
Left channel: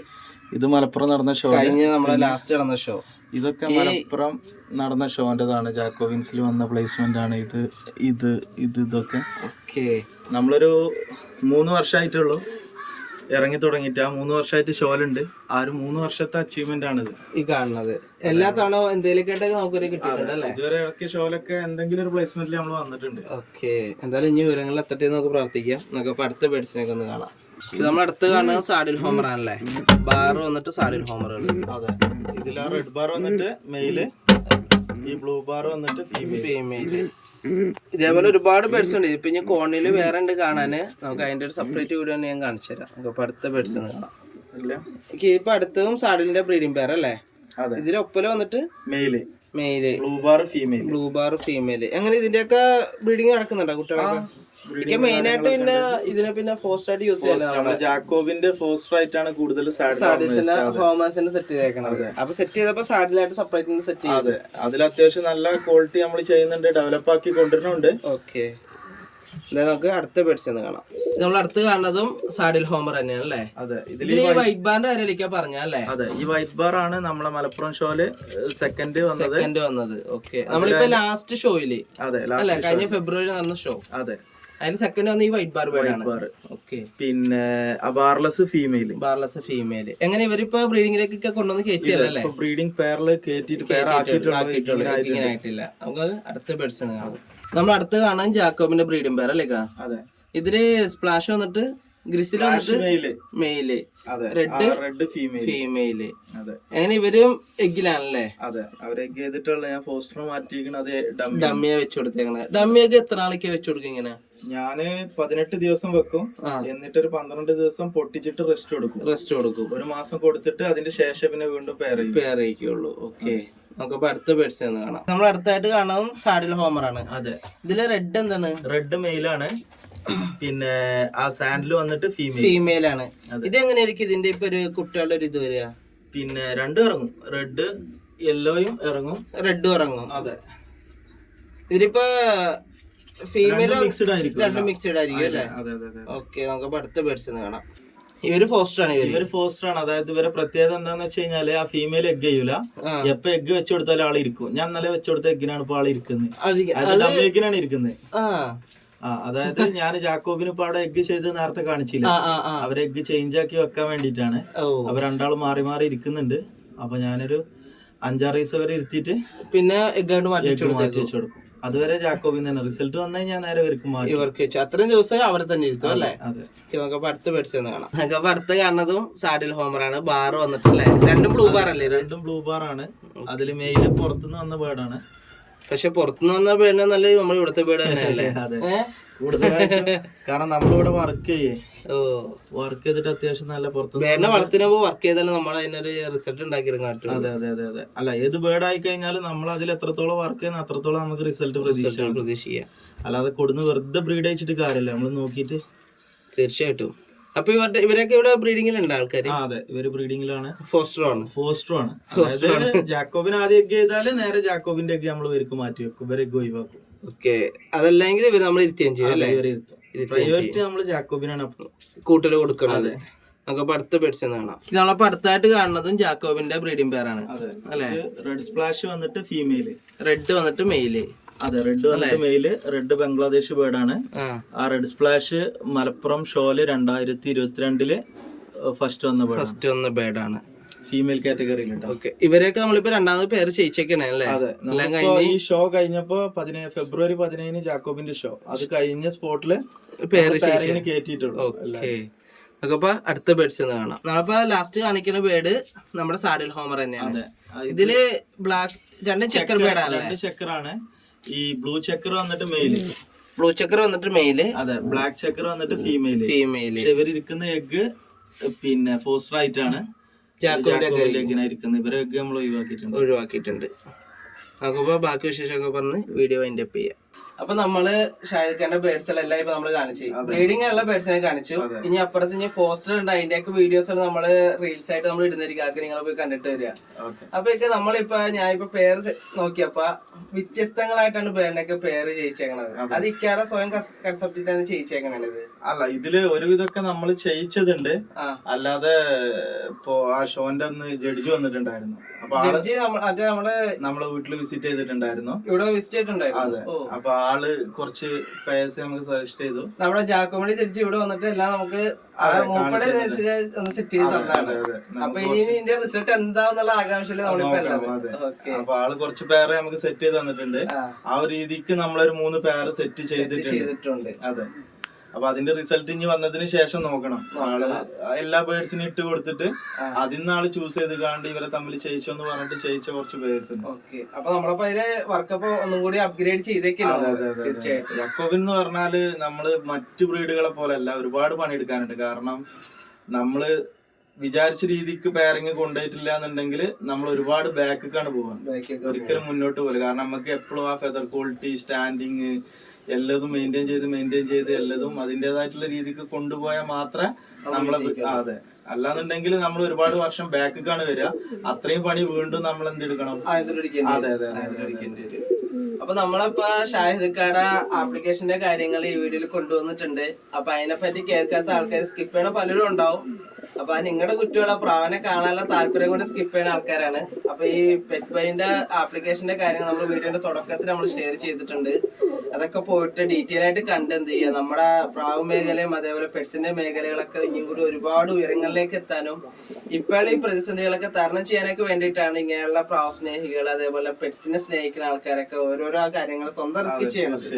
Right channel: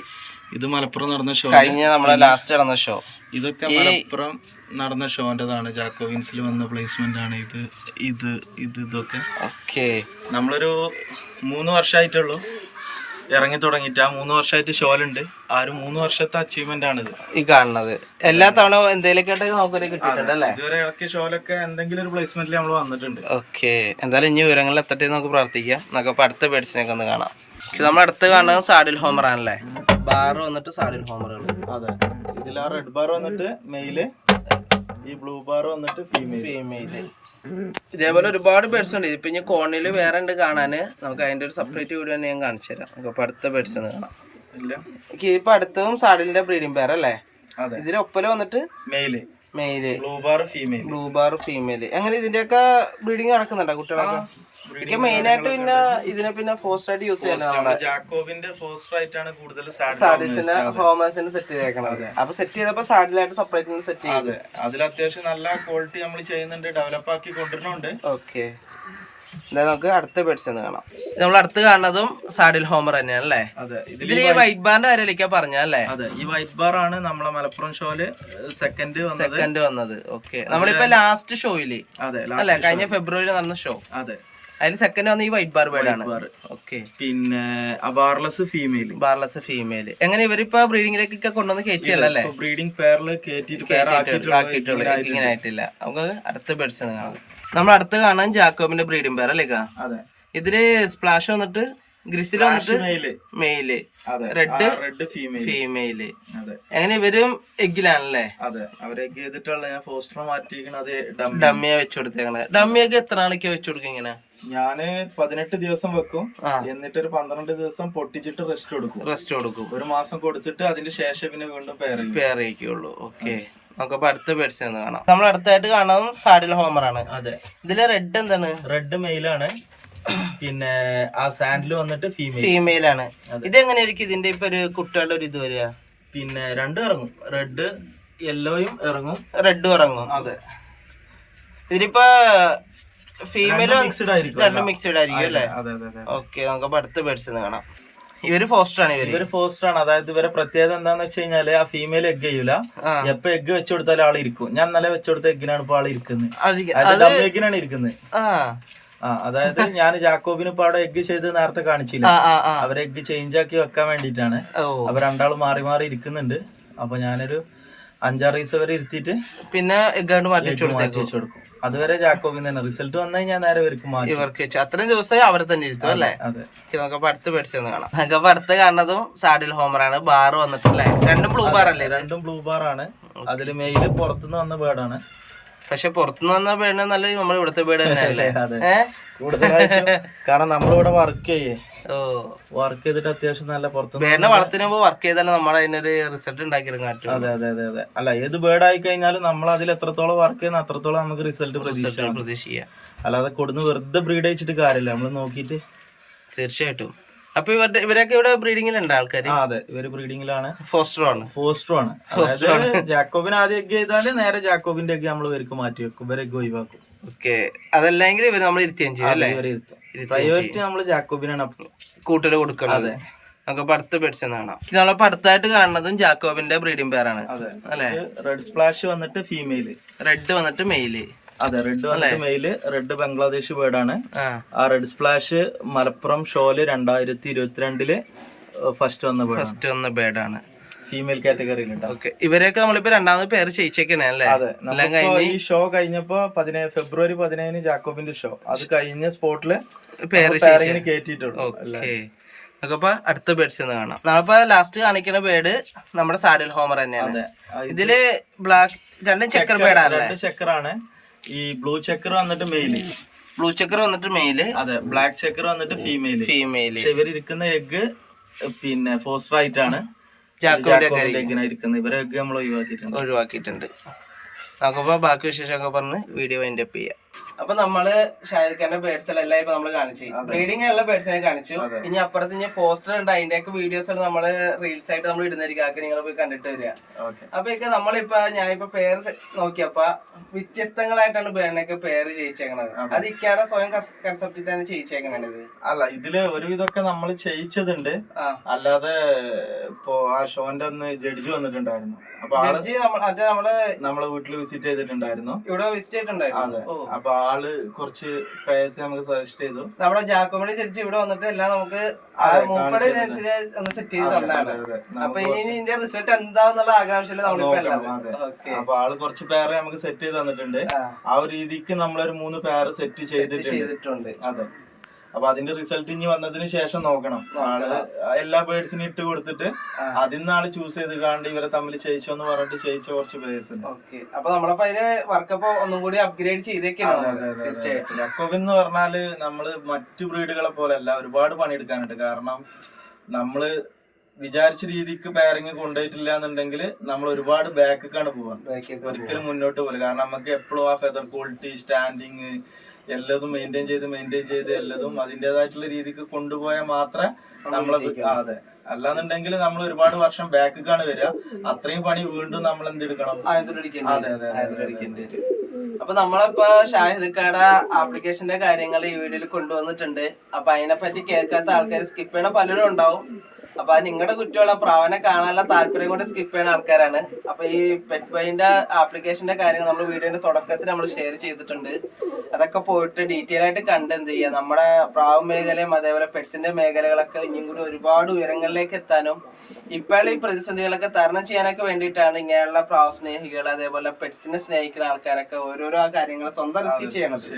ഇത് മലപ്പുറം നടന്ന ഷോ കഴിഞ്ഞ നമ്മുടെ ലാസ്റ്റ് നടന്ന ഷോ ഇതൊക്കെ മലപ്പുറം നടന്ന ഷോന്റെതാണ്. ജാക്കോവിൻസിൽ വന്ന പ്ലേസ്മെന്റ് ആണ് ഇത് ഇത് ഇത് ഇതൊക്കെ. ഓക്കെ. നമ്മളൊരു മൂന്ന് വർഷമായിട്ടുള്ളൂ ഇറങ്ങി തുടങ്ങിയിട്ട്. ആ മൂന്ന് വർഷമായിട്ട് ഷോലുണ്ട്. ആ ഒരു മൂന്ന് വർഷത്തെ അച്ചീവ്മെന്റ് ഇത് ഈ കാണുന്നത്. എല്ലാ തവണ എന്തെങ്കിലുമൊക്കെ കിട്ടിയിട്ടുണ്ട് അല്ലേ? ഇതുവരെ ഇറക്കിയ ഷോലൊക്കെ എന്തെങ്കിലും ഒരു പ്ലേസ്മെന്റിൽ നമ്മൾ വന്നിട്ടുണ്ട്. ഓക്കെ. എന്തായാലും ഇനി വിവരങ്ങളിൽ എത്തട്ടെ നമുക്ക് പ്രാർത്ഥിക്കാം. നമുക്ക് അടുത്ത ബേഡ്സിനൊക്കെ ഒന്ന് കാണാം. ഇത് നമ്മൾ അടുത്ത് കാണുന്നത് സാഡിൽ ഹോമർ ആണല്ലേ ബാർ വന്നിട്ട് സാഡിൽ ഹോമറുകൾ അതെ. ഇതിൽ ആ റെഡ് ബാർ വന്നിട്ട് മെയിൽ ഈ ബ്ലൂ ബാർ വന്നിട്ട് ഫീമെയിൽ ഇതേപോലെ ഒരുപാട് ബേഡ്സ് ഉണ്ട്. ഇപ്പൊ ഇനി കോണിൽ വേറെ ഉണ്ട് കാണാന്. നമുക്ക് അതിന്റെ ഒരു സെപ്പറേറ്റ് വീഡിയോ തന്നെ ഞാൻ കാണിച്ചു തരാം. നമുക്ക് അടുത്ത ബേഡ്സ് ഒന്ന് കാണാം. ഇപ്പൊ അടുത്തതും സാഡിലിന്റെ ബ്രീഡിംഗ് പേർ അല്ലേ? ഇതിലൊപ്പല വന്നിട്ട് male male blue bar female blue bar female എങ്ങനെ ഇതിന്റെയൊക്കെ ബ്രീഡിംഗ് നടക്കുന്നുണ്ടോ കുട്ടികളൊക്കെ? എനിക്ക് മെയിൻ ആയിട്ട് പിന്നെ ഇതിനെ പിന്നെ ഫോസ്റ്റ് ആയിട്ട് യൂസ് ചെയ്യാനാണ് ജാക്കോബിന്റെ ഫോസ്റ്റർ ആയിട്ടാണ് കൂടുതൽ സാഡീസിന്റെ ഹോമേഴ്സിന് സെറ്റ് ചെയ്തേക്കണത്. അപ്പൊ സെറ്റ് ചെയ്തപ്പോ സാഡിലായിട്ട് സെപ്പറേറ്റ് സെറ്റ് ചെയ്തു. അതെ. അതിൽ അത്യാവശ്യം നല്ല ക്വാളിറ്റി നമ്മൾ ചെയ്യുന്നുണ്ട്. ഡെവലപ്പ് ആക്കി കൊണ്ടുവരുന്നുണ്ട്. ഓക്കെ നമുക്ക് അടുത്ത ബെഡ്സ് എന്ന് കാണാം. നമ്മൾ അടുത്ത് കാണുന്നതും സാഡിൽ ഹോമർ തന്നെയാണ് അല്ലേ? ഇതിൽ ഈ വൈറ്റ് ബാറിന്റെ കാര്യത്തിലേക്കാ പറഞ്ഞല്ലേ അതെ. ഈ വൈറ്റ് ബാർ ആണ് നമ്മളെ മലപ്പുറം ഷോയിൽ സെക്കൻഡ് സെക്കൻഡ് വന്നത്. ഓക്കെ നമ്മളിപ്പോ ലാസ്റ്റ് ഷോയിൽ അതെ അല്ലെ? കഴിഞ്ഞ ഫെബ്രുവരി നടന്ന ഷോ അതെ. അതിൽ സെക്കൻഡ് വന്ന ഈ വൈറ്റ് ബാർ ബേർഡ് ആണ് ഓക്കെ പിന്നെ അബാർലെസ് ഫീമെയിൽ ബാർലെസ് ഫീമെയിൽ എങ്ങനെ ഇവരിപ്പോ ബ്രീഡിംഗിലേക്കൊക്കെ കൊണ്ടുവന്ന് കയറ്റിയല്ലേ ബ്രീഡിംഗ് പേരിൽ ആക്കിയിട്ടുള്ളൂ ഇങ്ങനെ ആയിട്ടില്ല. നമുക്ക് അടുത്ത ബേഡ്സ് കാണാം. നമ്മൾ അടുത്ത് കാണാൻ ജാക്കോബിന്റെ ബ്രീഡിംഗ് പേർ അല്ലേ ഇതിൽ സ്പ്ലാഷ് വന്നിട്ട് ഗ്രിസിൽ വന്നിട്ട് മെയിൽ റെഡ് റെഡ് ഫീമെയിൽ അതെ. എങ്ങനെ ഇവരും എഗ്ഗിലാണല്ലേ? അതെ. അവരൊക്കെ ചെയ്തിട്ടുള്ള ഞാൻ ഫോസ്റ്റർ ഡമ്മിയെ വെച്ചു കൊടുത്തേക്കണേ. ഡമ്മിയൊക്കെ എത്ര നാളേക്ക് വെച്ചു കൊടുക്കും ഇങ്ങനെ? ഞാൻ പതിനെട്ട് ദിവസം വെക്കും. എന്നിട്ട് ഒരു പന്ത്രണ്ട് ദിവസം പൊട്ടിച്ചിട്ട് റെസ്റ്റ് കൊടുക്കും. റെസ്റ്റ് കൊടുക്കും. ഒരു മാസം കൊടുത്തിട്ട് അതിന് ശേഷം പിന്നെ വീണ്ടും പേരയ്ക്കുള്ളൂ ചെയ്യും. പേർ ചെയ്യിക്കുള്ളൂ. ഓക്കെ നമുക്കപ്പോ അടുത്ത ബെഡ്സ് കാണാം. നമ്മൾ അടുത്തായിട്ട് കാണാം സാഡിൽ ഹോമർ ആണ്. അതെ. ഇതിൽ റെഡ് എന്താണ്? റെഡ് മെയിലാണ് പിന്നെ ആ സാൻഡിൽ വന്നിട്ട് ഫീമെയിൽ ഫീമെയിൽ ആണ്. ഇത് എങ്ങനെയായിരിക്കും ഇതിന്റെ ഇപ്പൊ ഒരു കുട്ടികളുടെ ഒരു ഇത് വരിക? പിന്നെ രണ്ട് ഇറങ്ങും. റെഡ് യെല്ലോയും ഇറങ്ങും. റെഡും ഇറങ്ങും. അതെ. ഇതിലിപ്പോ ഫീമെയിൽ രണ്ടും മിക്സ്ഡ് ആയിരിക്കും അല്ലേ. ഓക്കെ നമുക്ക് അടുത്ത ബേർഡ്സ് കാണാം. ഇവർ ഫോസ്റ്റർ ആണ് ഇവർ. ഇവർ ഫോസ്റ്റർ ആണ്. അതായത് ഇവരെ പ്രത്യേകത എന്താന്ന് വെച്ച് കഴിഞ്ഞാൽ ആ ഫീമെയിൽ എഗ് ചെയ്യൂല. എപ്പൊ എഗ് വെച്ചു കൊടുത്താലും ആൾ ഇരിക്കും. ഞാൻ ഇന്നലെ വെച്ചു കൊടുത്ത എഗ്ഗിനാണ് ഇപ്പൊ ആൾ ഇരിക്കുന്നത് എഗ്ഗിനാണ് ഇരിക്കുന്നത് ആ. അതായത് ഞാൻ ജാക്കോബിന് ഇപ്പൊ അവിടെ എഗ് ചെയ്ത് നേരത്തെ കാണിച്ചില്ല. അവരെ എഗ് ചേഞ്ച് ആക്കി വെക്കാൻ വേണ്ടിട്ടാണ്. അവർ രണ്ടാൾ മാറി മാറി ഇരിക്കുന്നുണ്ട്. അപ്പൊ ഞാനൊരു അഞ്ചാറ് ദിവസം വരെ ഇരുത്തിയിട്ട് പിന്നെ എഗ്ഗാണ്ട് മാറ്റി വെച്ചു കൊടുക്കും. അതുവരെ ജാക്കോബിന് തന്നെ. റിസൾട്ട് വന്നു കഴിഞ്ഞാൽ നേരെ ഇവർക്ക് ഇവർക്ക് വെച്ചു. അത്രയും ദിവസം അവിടെ തന്നെ ഇരുത്തും അല്ലേ? നമുക്കപ്പോ അടുത്ത ബേഡ്സ് ഒന്ന് കാണാം. നമുക്കപ്പോ അടുത്ത് കാണുന്നതും സാഡിൽ ഹോമറാണ്. ആണ് ബാർ വന്നിട്ടില്ലേ? രണ്ടും ബ്ലൂ ബാർ അല്ലേ ഇത്? രണ്ടും ബ്ലൂ ബാർ ആണ്. അതിൽ മെയിൽ പുറത്തുനിന്ന് വന്ന ബേർഡാണ്. പക്ഷെ പുറത്തുനിന്ന് വന്ന ബേഡിനെ നല്ല നമ്മൾ ഇവിടുത്തെ ബേഡ് തന്നെയല്ലേ. ഏഹ് കൂടുതലായിട്ടും കാരണം നമ്മളിവിടെ വർക്ക് ചെയ്യേ. വർക്ക് ചെയ്തിട്ട് അത്യാവശ്യം നല്ല പുറത്ത് വേറെ വളർത്തുമ്പോ വർക്ക് ചെയ്താലും നമ്മൾ അതിനൊരു റിസൾട്ട് ഉണ്ടാക്കിയെടുക്കാൻ പറ്റും അതെ അതെ അതെ അതെ. അല്ല ഏത് ബേർഡ് ആയി കഴിഞ്ഞാലും നമ്മൾ അതിൽ എത്രത്തോളം വർക്ക് ചെയ്യുന്ന അത്രത്തോളം നമുക്ക് റിസൾട്ട് പ്രതീക്ഷിക്കാം. അല്ലാതെ കൊടുന്ന് വെറുതെ ബ്രീഡ് അയച്ചിട്ട് കാര്യമില്ല. നമ്മൾ നോക്കിയിട്ട് തീർച്ചയായിട്ടും. അപ്പൊ ഇവരുടെ ഇവരൊക്കെ ഇവിടെ ബ്രീഡിങ്ങിലുണ്ട് ആൾക്കാർ അതെ. ഇവർ ബ്രീഡിങ്ങിലാണ് ഫോസ്റ്റർ ആണ്. ഫോസ്റ്റർ ആണ്. അതായത് ജാക്കോബിന് ആദ്യം എഗ് ചെയ്താൽ നേരെ ജാക്കോബിന്റെ എഗ് നമ്മൾ ഇവർക്ക് മാറ്റി വെക്കും. ഇവരെ ഒഴിവാക്കും. ഓക്കെ. അതല്ലെങ്കിൽ ഇവർ നമ്മൾ ഇരുത്തിയും ചെയ്യും അല്ലേ? പ്രയോറിറ്റി നമ്മൾ ജാക്കോബിനാണ് കൊടുക്കണത്. നമുക്ക് അടുത്ത ബെഡ്സ് കാണാം. നമ്മളപ്പോ അടുത്തായിട്ട് കാണുന്നതും ജാക്കോബിന്റെ ബ്രീഡിംഗ് പേരാണ് അല്ലെ? റെഡ് സ്പ്ലാഷ് വന്നിട്ട് ഫീമെയിൽ റെഡ് വന്നിട്ട് മെയിൽ അതെ റെഡ് വന്നിട്ട് മെയിൽ റെഡ് ബംഗ്ലാദേശ് ബേർഡ് ആണ്. ആ. റെഡ് സ്പ്ലാഷ് മലപ്പുറം ഷോൽ രണ്ടായിരത്തി ഇരുപത്തിരണ്ടിൽ ഫസ്റ്റ് വന്ന ബേർഡ് ഫസ്റ്റ് വന്ന ബേഡാണ് ഫീമെയിൽ കാറ്റഗറിയിലുണ്ട് ഓക്കെ. ഇവരെയൊക്കെ നമ്മളിപ്പോ രണ്ടാമത് പേര് ചെയ്യിച്ചേക്കണേ അല്ലേ? അതെ. എല്ലാം നമ്മളിപ്പോ കഴിഞ്ഞ് ഈ ഷോ കഴിഞ്ഞപ്പോ പതിനേഴ് ഫെബ്രുവരി പതിനേഴിന് ജാക്കോബിന്റെ ഷോ അത് കഴിഞ്ഞ സ്പോട്ടിൽ പേര് കേട്ടിട്ടുള്ളൂ ഓക്കെ. നമുക്കപ്പോ അടുത്ത ബേഡ്സ് കാണാം. നമ്മളിപ്പോ ലാസ്റ്റ് കാണിക്കുന്ന ബേഡ് നമ്മുടെ സാഡിൽ ഹോമർ തന്നെയാണ്. ഇതിൽ ബ്ലാക്ക് രണ്ടും ചെക്കർ ബേഡാണല്ലേ ചെക്കറാണ് ഈ ബ്ലൂ ചെക്കർ വന്നിട്ട് മെയിൽ ബ്ലൂ ചെക്കർ വന്നിട്ട് മെയിൽ അതെ. ബ്ലാക്ക് ചെക്കർ വന്നിട്ട് ഫീമെയിൽ ഫീമെയിൽ ഇവർ ഇരിക്കുന്ന എഗ് പിന്നെ ഫോസ്റ്റർ ആയിട്ടാണ് ഒഴിവാക്കിയിട്ടുണ്ട്. ഒഴിവാക്കിയിട്ടുണ്ട്. നമുക്കപ്പോ ബാക്കി വിശേഷമൊക്കെ പറഞ്ഞ് വീഡിയോ വൈൻഡപ്പ് ചെയ്യാം. അപ്പൊ നമ്മൾ ഷാഹിദ് ഖാന്റെ ബേഡ്സ് എല്ലാം ഇപ്പൊ നമ്മൾ കാണിച്ചു. ബ്രീഡിംഗ് ഉള്ള ബേഡ്സിനെ കാണിച്ചു. ഇനി അപ്പുറത്ത് ഇനി ഫോസ്റ്റർ ഉണ്ട്. അതിന്റെയൊക്കെ വീഡിയോസ് നമ്മൾ റീൽസ് ആയിട്ട് നമ്മൾ ഇടുന്നതായിരിക്കും. ആക്കി നിങ്ങൾ പോയി കണ്ടിട്ട് വരിക. അപ്പൊ ഒക്കെ നമ്മളിപ്പോ ഞാൻ ഇപ്പൊ പേര് നോക്കിയപ്പ വ്യത്യസ്തങ്ങളായിട്ടാണ് ബേണിനൊക്കെ പേര് ചെയ്യിച്ചേക്കണത്. അത്. ഇക്കാടെ സ്വയം കൺസെപ്റ്റിൽ തന്നെ ചെയ്യിച്ചേക്കണത് അല്ല ഇതിൽ ഒരുവിധമൊക്കെ നമ്മൾ ചെയ്യിച്ചതുണ്ട്. അല്ലാതെ ഇപ്പോ ആ ഷോന്റെ ഒന്ന് ജഡ്ജി വന്നിട്ടുണ്ടായിരുന്നു. അപ്പൊ നമ്മൾ നമ്മൾ വീട്ടിൽ വീട്ടിൽ വിസിറ്റ് ചെയ്തിട്ടുണ്ടായിരുന്നു. ഇവിടെ വിസിറ്റ് ചെയ്തിട്ടുണ്ടായിരുന്നു. അതെ. അപ്പൊ ആൾ കുറച്ച് പേഴ്സ് നമുക്ക് സജസ്റ്റ് ചെയ്തു. നമ്മുടെ ജാക്കോമണി ജഡ്ജി ഇവിടെ വന്നിട്ട് എല്ലാം നമുക്ക് മൂപ്പടെ ഒന്ന് സെറ്റ് ചെയ്ത് തന്നാണ്. അപ്പൊ ഇനി ഇതിന്റെ റിസൾട്ട് എന്താന്നുള്ള ആകാംക്ഷയിൽ നമ്മളിപ്പോ അപ്പൊ ആൾ കുറച്ച് പേരെ നമുക്ക് സെറ്റ് ചെയ്ത് തന്നിട്ടുണ്ട്. ആ. ഒരു രീതിക്ക് നമ്മളൊരു മൂന്ന് പേര് സെറ്റ് ചെയ്തിട്ടുണ്ട്. അതെ. അപ്പൊ അതിന്റെ റിസൾട്ട് ഇനി വന്നതിന് ശേഷം നോക്കണം. ആൾ എല്ലാ ബേർഡ്സിനും ഇട്ട് കൊടുത്തിട്ട് അതിൽ നിന്ന് ആൾ ചൂസ് ചെയ്ത് കാണ്ട് ഇവരെ തമ്മിൽ ചെയ്യിച്ചോ എന്ന് പറഞ്ഞിട്ട് ചെയ്യിച്ച കുറച്ച് ബേർഡ്സ് ഉണ്ട്. അപ്പൊ നമ്മളപ്പോ അതിൽ വർക്കപ്പ് ഒന്നും കൂടി അപ്ഗ്രേഡ് ചെയ്തേക്കാണ്. ജക്കോബിൻ എന്ന് പറഞ്ഞാൽ നമ്മൾ മറ്റു ബ്രീഡുകളെ പോലെയല്ല ഒരുപാട് പണിയെടുക്കാനുണ്ട്. കാരണം നമ്മൾ വിചാരിച്ച രീതിക്ക് പാരിങ് കൊണ്ടുപോയിട്ടില്ല എന്നുണ്ടെങ്കിൽ നമ്മൾ ഒരുപാട് ബാക്കൊക്കെയാണ് പോവാ. ഒരിക്കലും മുന്നോട്ട് പോലെ കാരണം നമുക്ക് എപ്പോഴും ആ ഫെദർ ക്വാളിറ്റി സ്റ്റാൻഡിങ് എല്ലതും മെയിന്റെയിൻ ചെയ്ത് മെയിന്റെയിൻ ചെയ്ത് എല്ലതും അതിന്റെതായിട്ടുള്ള രീതിക്ക് കൊണ്ടുപോയാൽ മാത്രമേ നമ്മളെ അതെ. അല്ലാന്നുണ്ടെങ്കിൽ നമ്മൾ ഒരുപാട് വർഷം ബാക്കിക്കാണ് വരിക. അത്രയും പണി വീണ്ടും നമ്മൾ എന്തെടുക്കണം? അതെ അതെ. അപ്പൊ നമ്മളിപ്പോ ഷാഹിദ് കാട ആപ്ലിക്കേഷന്റെ കാര്യങ്ങൾ ഈ വീഡിയോയിൽ കൊണ്ടുവന്നിട്ടുണ്ട്. അപ്പൊ അതിനെപ്പറ്റി കേൾക്കാത്ത ആൾക്കാർ സ്കിപ്പ് ചെയ്യണ പലരും ഉണ്ടാവും. അപ്പൊ നിങ്ങളുടെ കുട്ടികളെ പ്രാവനെ കാണാനുള്ള താല്പര്യം കൊണ്ട് സ്കിപ്പ് ചെയ്യുന്ന ആൾക്കാരാണ്. അപ്പൊ ഈ പെറ്റ് ബൈന്റെ ആപ്ലിക്കേഷന്റെ കാര്യങ്ങൾ നമ്മൾ വീഡിയോന്റെ തുടക്കത്തിൽ നമ്മൾ ഷെയർ ചെയ്തിട്ടുണ്ട്. അതൊക്കെ പോയിട്ട് ഡീറ്റെയിൽ ആയിട്ട് കണ്ട് എന്ത് ചെയ്യുക നമ്മുടെ പ്രാവ് മേഖലയും അതേപോലെ പെറ്റ്സിന്റെ മേഖലകളൊക്കെ ഇനിയും കൂടി ഒരുപാട് ഉയരങ്ങളിലേക്ക് എത്താനും ഇപ്പോൾ ഈ പ്രതിസന്ധികളൊക്കെ തരണം ചെയ്യാനൊക്കെ വേണ്ടിയിട്ടാണ് ഇങ്ങനെയുള്ള പ്രാവ് സ്നേഹികൾ അതേപോലെ പെറ്റ്സിനെ സ്നേഹിക്കുന്ന ആൾക്കാരൊക്കെ ഓരോരോ കാര്യങ്ങൾ സ്വന്തം റിസ്ക് ചെയ്യണത്.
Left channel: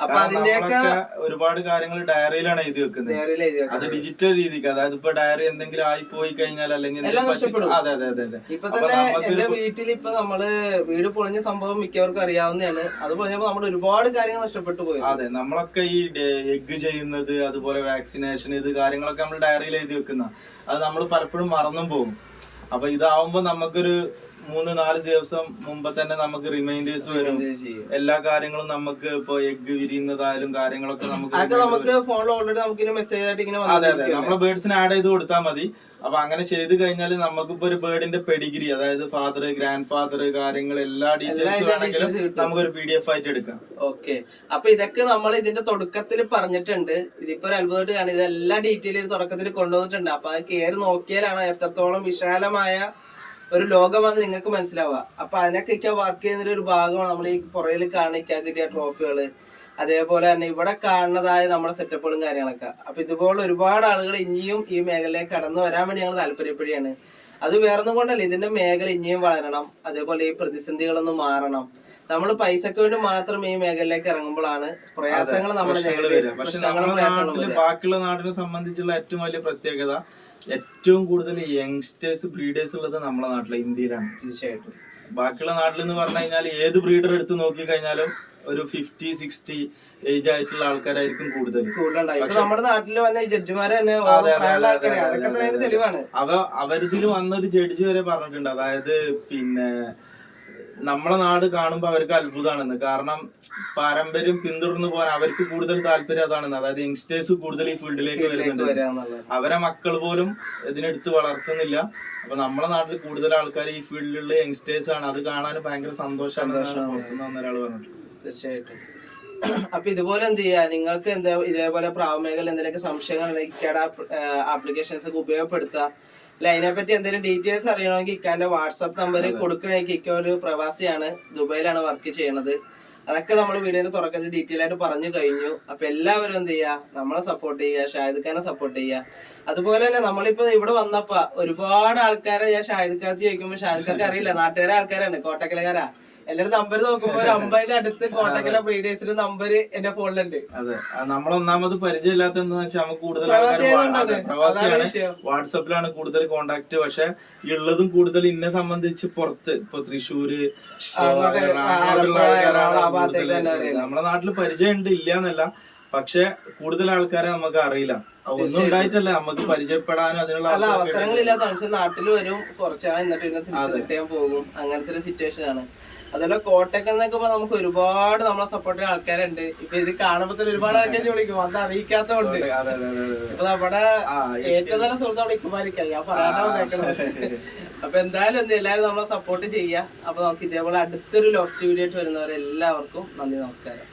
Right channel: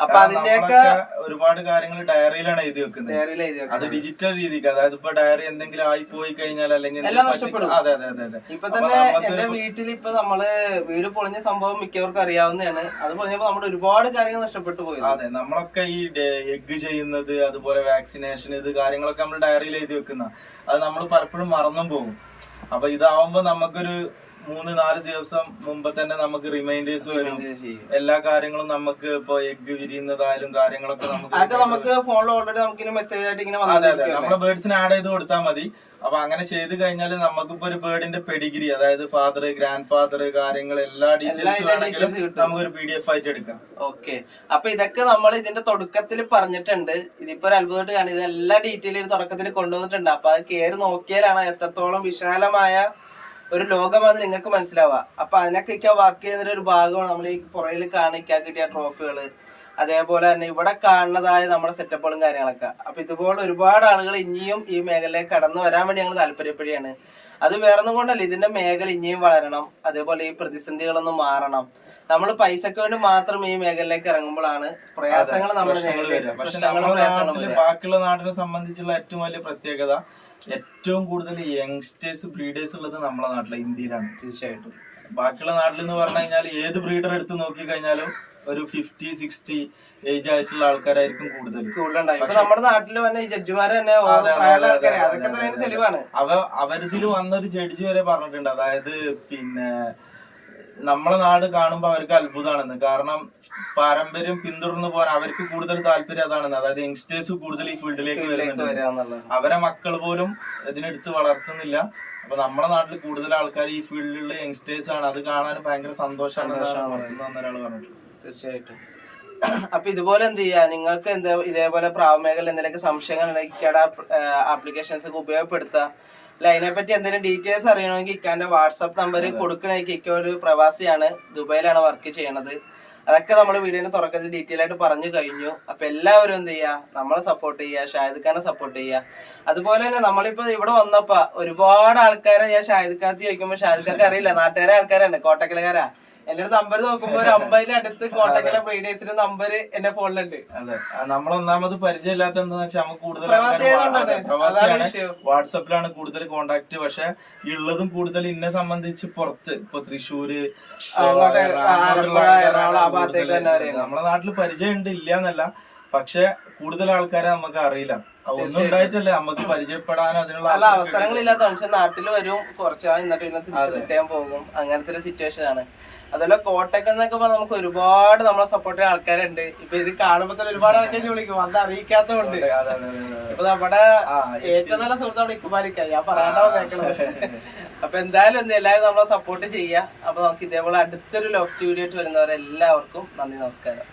അപ്പൊ അതിന്റെയൊക്കെ ഒരുപാട് കാര്യങ്ങൾ ഡയറിയിലാണ് എഴുതി വെക്കുന്നത്. ഡയറിയിൽ എഴുതി. അത് ഡിജിറ്റൽ രീതിക്ക് അതായത് ഇപ്പൊ ഡയറി എന്തെങ്കിലും ആയി പോയി കഴിഞ്ഞാൽ അല്ലെങ്കിൽ അതെ അതെ അതെ ഇപ്പൊ തന്നെ എന്റെ വീട്ടിൽ ഇപ്പൊ നമ്മൾ വീട് പൊളിഞ്ഞ സംഭവം മിക്കവർക്കും അറിയാവുന്നതാണ്. അത് പൊളിഞ്ഞപ്പോ നമ്മുടെ ഒരുപാട് കാര്യങ്ങൾ നഷ്ടപ്പെട്ടു പോയി. അതെ നമ്മളൊക്കെ ഈ എഗ് ചെയ്യുന്നത് അതുപോലെ വാക്സിനേഷൻ ഇത് കാര്യങ്ങളൊക്കെ നമ്മൾ ഡയറിയിൽ എഴുതി വെക്കുന്ന. അത് നമ്മൾ പലപ്പോഴും മറന്നും പോകും. അപ്പൊ ഇതാവുമ്പോ നമുക്കൊരു മൂന്ന് നാല് ദിവസം മുമ്പ് തന്നെ നമുക്ക് റിമൈൻഡേഴ്സ് വരും. എല്ലാ കാര്യങ്ങളും നമുക്ക് ഇപ്പൊ എഗ് വിരിയുന്നതായാലും കാര്യങ്ങളൊക്കെ നമുക്ക് നമുക്ക് ഫോണിൽ ഓൾറെഡി നമുക്ക് മെസ്സേജ് ആയിട്ട് ഇങ്ങനെ അതെ അതെ. നമ്മുടെ ബേർഡ്സിനെ ആഡ് ചെയ്ത് കൊടുത്താൽ മതി. അപ്പൊ അങ്ങനെ ചെയ്ത് കഴിഞ്ഞാൽ നമുക്കിപ്പോ ഒരു ബേർഡിന്റെ പെഡിഗ്രി അതായത് ഫാദർ ഗ്രാൻഡ് ഫാദർ കാര്യങ്ങൾ എല്ലാ ഡീറ്റെയിൽസ് വേണമെങ്കിലും നമുക്ക് ഒരു നമുക്കൊരു പി ഡി എഫ് ആയിട്ട് എടുക്കാം. ഓക്കെ അപ്പൊ ഇതൊക്കെ നമ്മൾ ഇതിന്റെ തുടക്കത്തിൽ പറഞ്ഞിട്ടുണ്ട്. ഇതിപ്പോ ഒരു അത്ഭുതമായിട്ട് കാണും ഇത് എല്ലാ ഡീറ്റെയിലും തുടക്കത്തിൽ കൊണ്ടുവന്നിട്ടുണ്ട്. അപ്പൊ അത് കയറി നോക്കിയാലാണ് എത്രത്തോളം വിശാലമായ ഒരു ലോകമാണ് നിങ്ങൾക്ക് മനസ്സിലാവുക. അപ്പൊ അതിനൊക്കെ വർക്ക് ചെയ്യുന്ന ഒരു ഭാഗമാണ് നമ്മൾ ഈ പുറകിൽ കാണിക്കാൻ കിട്ടിയ ട്രോഫികൾ അതേപോലെ തന്നെ ഇവിടെ കാണുന്നതായ നമ്മുടെ സെറ്റപ്പുകളും കാര്യങ്ങളൊക്കെ. അപ്പൊ ഇതുപോലെ ഒരുപാട് ആളുകൾ ഇനിയും ഈ മേഖലയിലേക്ക് കടന്നു വരാൻ വേണ്ടി ഞങ്ങൾ താല്പര്യപ്പെടുകയാണ്. അത് വേറൊന്നും കൊണ്ടല്ല ഇതിന്റെ മേഖല ഇനിയും വളരണം. അതേപോലെ ഈ പ്രതിസന്ധികളൊന്നും മാറണം. നമ്മൾ പൈസക്ക് വേണ്ടി മാത്രം ഈ മേഖലയിലേക്ക് ഇറങ്ങുമ്പോഴാണ് പ്രയാസങ്ങൾ നമ്മുടെ ബാക്കിയുള്ള നാടിനെ സംബന്ധിച്ചുള്ള ഏറ്റവും വലിയ പ്രത്യേകത ഏറ്റവും കൂടുതൽ യങ്സ്റ്റേഴ്സ് ബ്രീഡേഴ്സ് ഉള്ളത് നമ്മളെ നാട്ടിലെ ഇന്ത്യയിലാണ്. തീർച്ചയായിട്ടും. ബാക്കിയുള്ള നാട്ടിൽ എന്ന് പറഞ്ഞു കഴിഞ്ഞാൽ ഏത് ബ്രീഡർ എടുത്ത് നോക്കി കഴിഞ്ഞാലും ഒരു ഫിഫ്റ്റി സിക്സ്റ്റി ഏജ് ആയിട്ടുള്ള ആൾക്കാരായിരിക്കും കൂടുതൽ. നമ്മുടെ നാട്ടിൽ വന്ന ജഡ്ജിമാര് തന്നെ. തെളിവാണ്. അവ അവരിതിൽ വന്നൊരു ജഡ്ജി വരെ പറഞ്ഞിട്ടുണ്ട്. അതായത് പിന്നെ നമ്മളെ നാട് കാണുമ്പോൾ അവർക്ക് അത്ഭുതമാണെന്ന് കാരണം പാരമ്പര്യം പിന്തുടർന്നു പോകാൻ അവർക്ക് കൂടുതൽ താല്പര്യം അതാണെന്ന്. അതായത് യങ്സ്റ്റേഴ്സ് കൂടുതൽ ഈ ഫീൽഡിലേക്ക് വരുന്നുണ്ട്. അവരെ മക്കൾ പോലും ഇതിനെടുത്ത് വളർത്തുന്നില്ല. അപ്പൊ നമ്മളെ നാട്ടിൽ കൂടുതൽ ആൾക്കാർ ഈ ഫീൽഡിലുള്ള യങ്സ്റ്റേഴ്സ് ആണ്. അത് കാണാൻ ഭയങ്കര സന്തോഷമാണ് പുറത്തുനിന്ന് വന്ന ഒരാൾ പറഞ്ഞിട്ടുള്ളത്. തീർച്ചയായിട്ടും. അപ്പൊ ഇതുപോലെ എന്ത് ചെയ്യാ? നിങ്ങൾക്ക് എന്താ ഇതേപോലെ പ്രാവമേഖല എന്തെങ്കിലും എന്തെങ്കിലുമൊക്കെ സംശയങ്ങൾ ഇക്കട ആപ്ലിക്കേഷൻസ് ഒക്കെ ഉപയോഗപ്പെടുത്തുക. അല്ല? അതിനെപ്പറ്റി എന്തെങ്കിലും ഡീറ്റെയിൽസ് അറിയണമെങ്കിൽ ഇക്കാന്റെ വാട്സാപ്പ് നമ്പർ കൊടുക്കണമെങ്കിൽ ഇക്ക ഒരു പ്രവാസിയാണ്. ദുബൈയിലാണ് വർക്ക് ചെയ്യണത്. അതൊക്കെ നമ്മൾ വീഡിയോന് തുറക്കത്തിൽ ഡീറ്റെയിൽ ആയിട്ട് പറഞ്ഞു കഴിഞ്ഞു. അപ്പൊ എല്ലാവരും എന്ത് ചെയ്യുക നമ്മളെ സപ്പോർട്ട് ചെയ്യുക ഷാഹിദ് ഖാനെ സപ്പോർട്ട് ചെയ്യുക അതുപോലെ തന്നെ നമ്മളിപ്പോ ഇവിടെ വന്നപ്പോ ഒരുപാട് ആൾക്കാരെ ഞാൻ ഷാഹിദ് ഖാനത്ത് ചോദിക്കുമ്പോൾ ഷാഹിദ് ഖാൻ അറിയില്ല. നാട്ടുകാരെ ആൾക്കാരാണ്. കോട്ടക്കലക്കാരാ എല്ലാവരും നമ്പർ നോക്കുമ്പോ ഒരു അമ്പതിന് അടുത്ത് കോട്ടക്കല ബ്രീഡേഴ്സിന്റെ നമ്പർ എന്റെ ഫോണിലുണ്ട് അതെ. നമ്മൾ നമ്മളൊന്നാമത് പരിചയമില്ലാത്ത എന്താന്ന് വെച്ചാൽ നമുക്ക് കൂടുതൽ പ്രവാസിയാണ്. വാട്സപ്പിലാണ് കൂടുതൽ കോണ്ടാക്ട് പക്ഷെ ഉള്ളതും കൂടുതൽ ഇന്നെ സംബന്ധിച്ച് പുറത്ത്. ഇപ്പൊ തൃശ്ശൂര്. നമ്മളെ നാട്ടിൽ പരിചയം ഉണ്ട് ഇല്ല എന്നല്ല പക്ഷെ കൂടുതൽ ആൾക്കാരെ നമുക്ക് അറിയില്ല. ഒന്നും ഉണ്ടായിട്ടല്ലേ. നമുക്ക് പരിചയപ്പെടാനും അതിനുള്ള അവസരങ്ങളില്ലാത്ത മനുഷ്യൻ നാട്ടിൽ വരും. കുറച്ചാൾ എന്നിട്ട് പിന്നെ തിരിച്ചു പോകും. അങ്ങനത്തെ ഒരു സിറ്റുവേഷൻ ആണ്. അതുപോലെ കോട്ടക്കൽ എന്നൊക്കെ പറഞ്ഞാൽ നമുക്ക് ഒരുപാട് നമ്മളെ സപ്പോർട്ട് ചെയ്യുന്ന ആൾക്കാരുണ്ട്. ഇപ്പൊ ഇത് കാണുമ്പോ തന്നെ ഒരുപാട് ആൾക്കാർ വിളിക്കും. അത് അറിയിക്കാത്തതുകൊണ്ട്. ഇപ്പൊ നമ്മുടെ ഏറ്റവും നല്ല സുഹൃത്ത് അവിടെ ഇക്കുമാരിക്കായി ഞാൻ പറയാണ്ടാ അപ്പൊ എന്തായാലും ഒന്ന് എല്ലാവരും നമ്മളെ സപ്പോർട്ട് ചെയ്യുക അപ്പൊ നമുക്ക് ഇതേപോലെ അടുത്തൊരു ലോഫ്റ്റ് വീഡിയോ ആയിട്ട് വരുന്നവരെല്ലാവർക്കും നന്ദി നമസ്കാരം.